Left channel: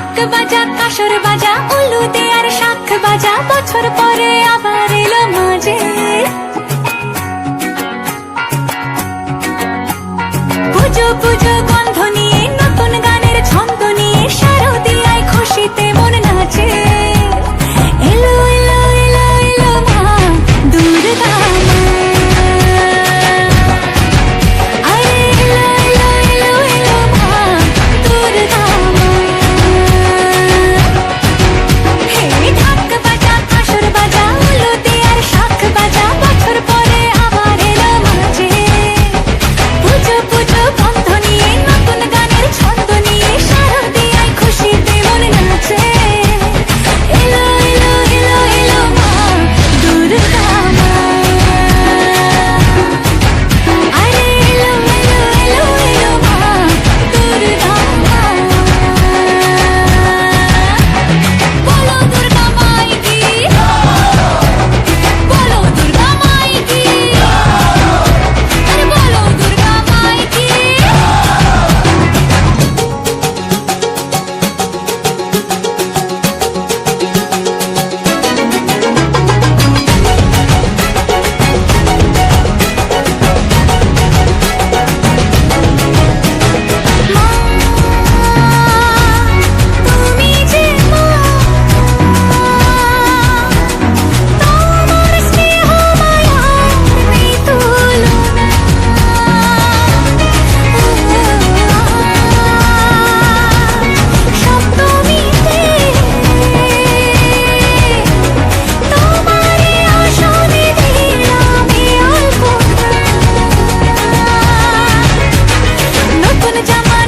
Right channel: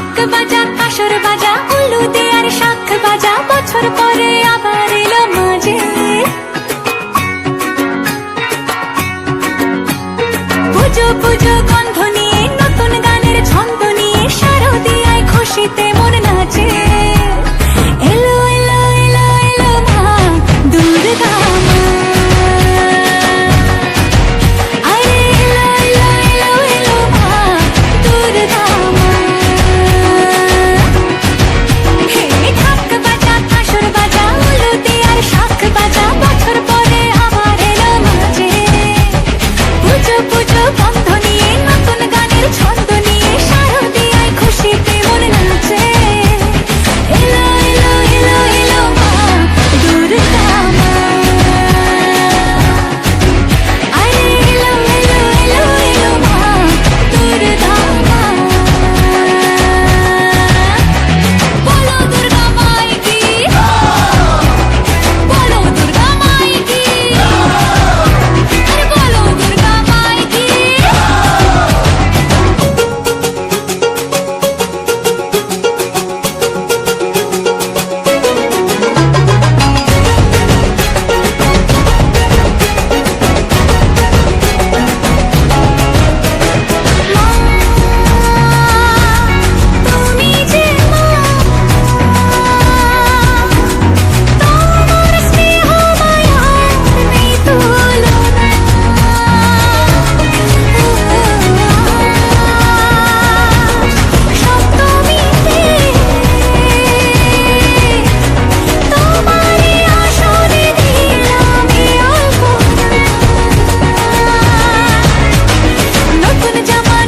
ঢাক বাজা কাসর বাজা উলু দে আর শাখ বাজা, বছর পরে আবার এলো মাঝে। পুজো পুজো গন্ধ নিয়ে নতুন গানের ছন্দ নিয়ে শারদিয়ায় খুশিতে মন নাচে। এলো এলো এলো এলো মা দুর্গা মা, আরে এলো এলো এলো এলো মা দুর্গা মা। হে ঢাক বাজা কাসর বাজা উলু দে আর শাখ বাজা, বছর পরে আবার এলো মাঝে। পুজো পুজো গন্ধ নিয়ে নতুন গানের ছন্দ নিয়ে শারদিয়ায় খুশিতে মন নাচে। এলো এলো এলো এলো মা দুর্গা মা, আরে এলো এলো এলো এলো মা দুর্গা মা। বলো দুর্গা মাই কি, বলো দুর্গা মাই কি, আরে বলো দুর্গা মাই কি। মা তুমি যে মা, তোমার স্নেহ মায়ার নেই তুলনা। সপ্তমীতে তোমারে আসনে দিলাম এই অল্পনা। নতুন জামা